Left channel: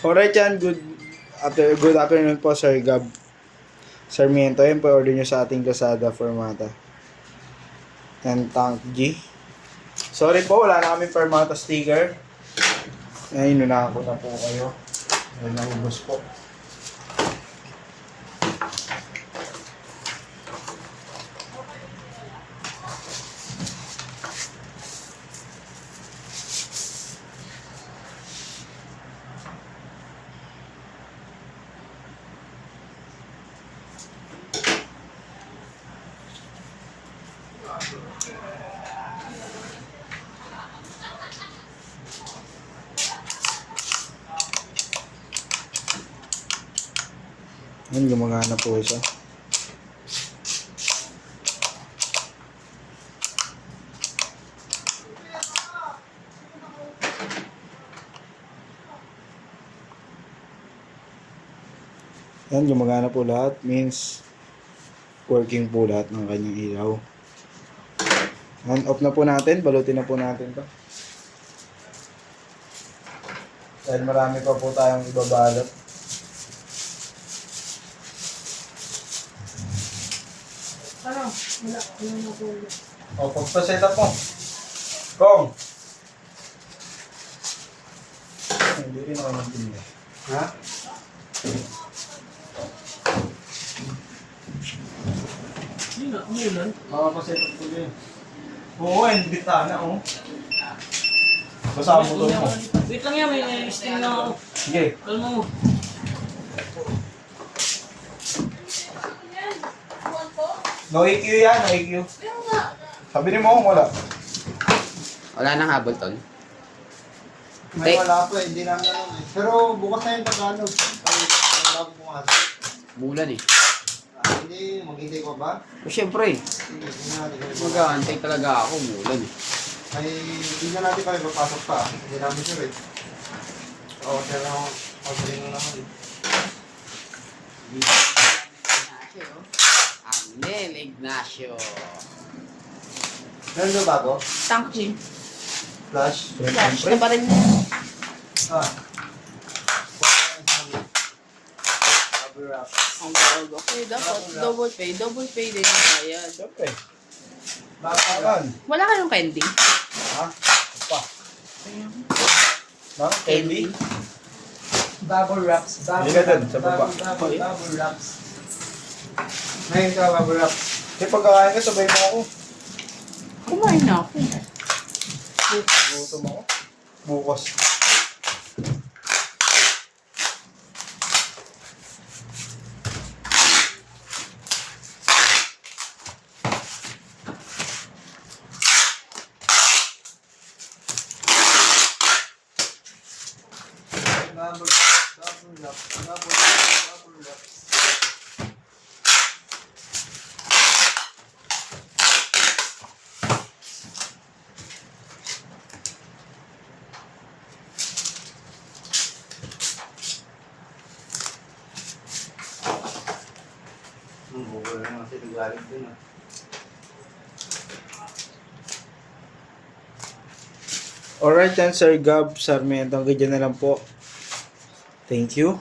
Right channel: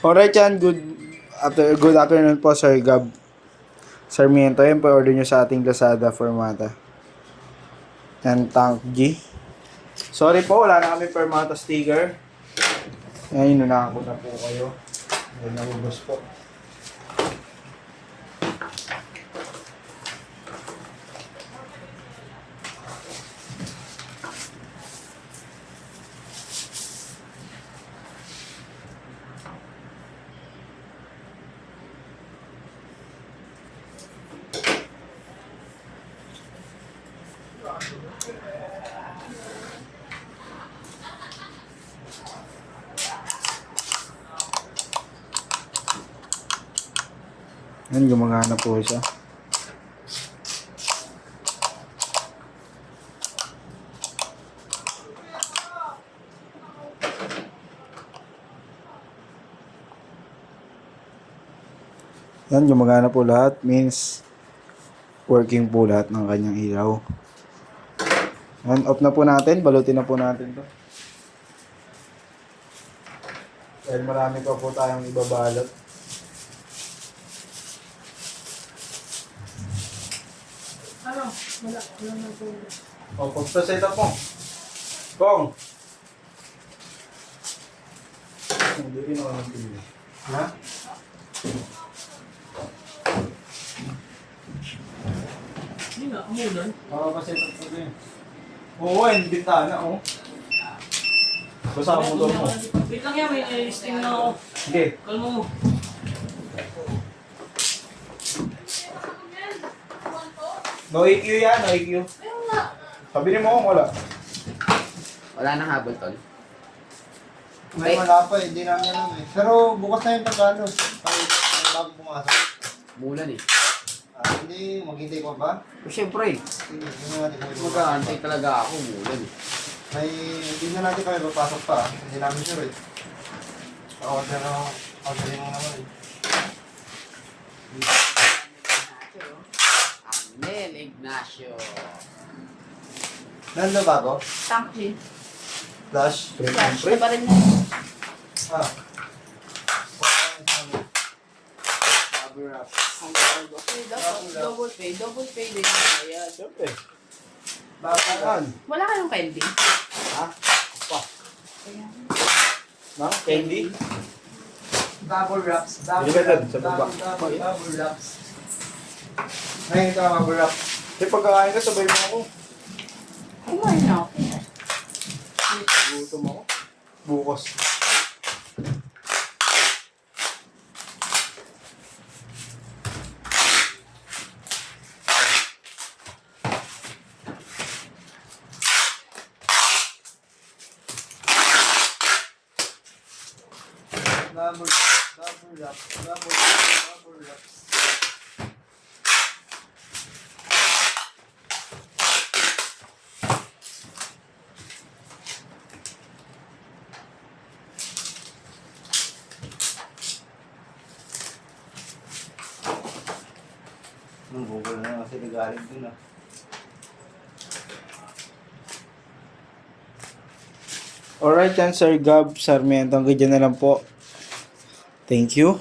Alright yan, good afternoon po Sir Gab Sarmiento. Yan po order nyo sa ating Lazada Formata. And Tank G. Sorry po, wala na kami Formata sticker. Ngayon, inunahan ko na po kayo. Ayun, nahubos po. Yan, gumagana po siya. Yan, gumagana po lahat. Means, working po lahat ng kanyang ilaw. Yan, off na po natin. Balutin na po natin to. Dahil marami pa po tayong ibabalot. Ano? Wala na po. O, pagpa-set up mo. Kong! Hindi rin ako nagpili. Ha? Hindi nga, umulan. Makapa-set up ko din. Oo, hindi bitana, oh. Basta ang motor mo. Wait lang yan, may listing na ako. Sige. Kalma mo. No EQ yan, no EQ. Sabi ni mo, wala. Wala nang habol, tol. May wala pa, hindi namin alam eh. Pero bukas na yung Tagalog. Ay, bago pumasok. Bulan eh. Hindi, maghintay ko ba? Siyempre, Hindi, hindi natin kami. mag-aantay talaga ako, bulan eh. Ay, hindi na natin kami papasok pa. Hindi namin sure eh. Oo, pero pagaling mo naman eh. Arnel Ignacio. Meron na bago? Tank G. Flash? Flash na pa rin yun. Ah. Okay, dapat double pay din yung bayad. Siyempre. Bakakan. Wala ka nang pending. Ha? Pa. Ma'am, candy? Double wraps. Hindi ka dun, sa baba. Double wraps. Ngayon ka, double wraps. Kasi pagkakain ka, sabay mo ako. Kumain na ako. Gutom ako. Bukas. Double wraps. Bukol na kasi nagaling dun ah. Alright yan, Sir Gab Sarmiento. Hanggang dyan na lang po. Thank you.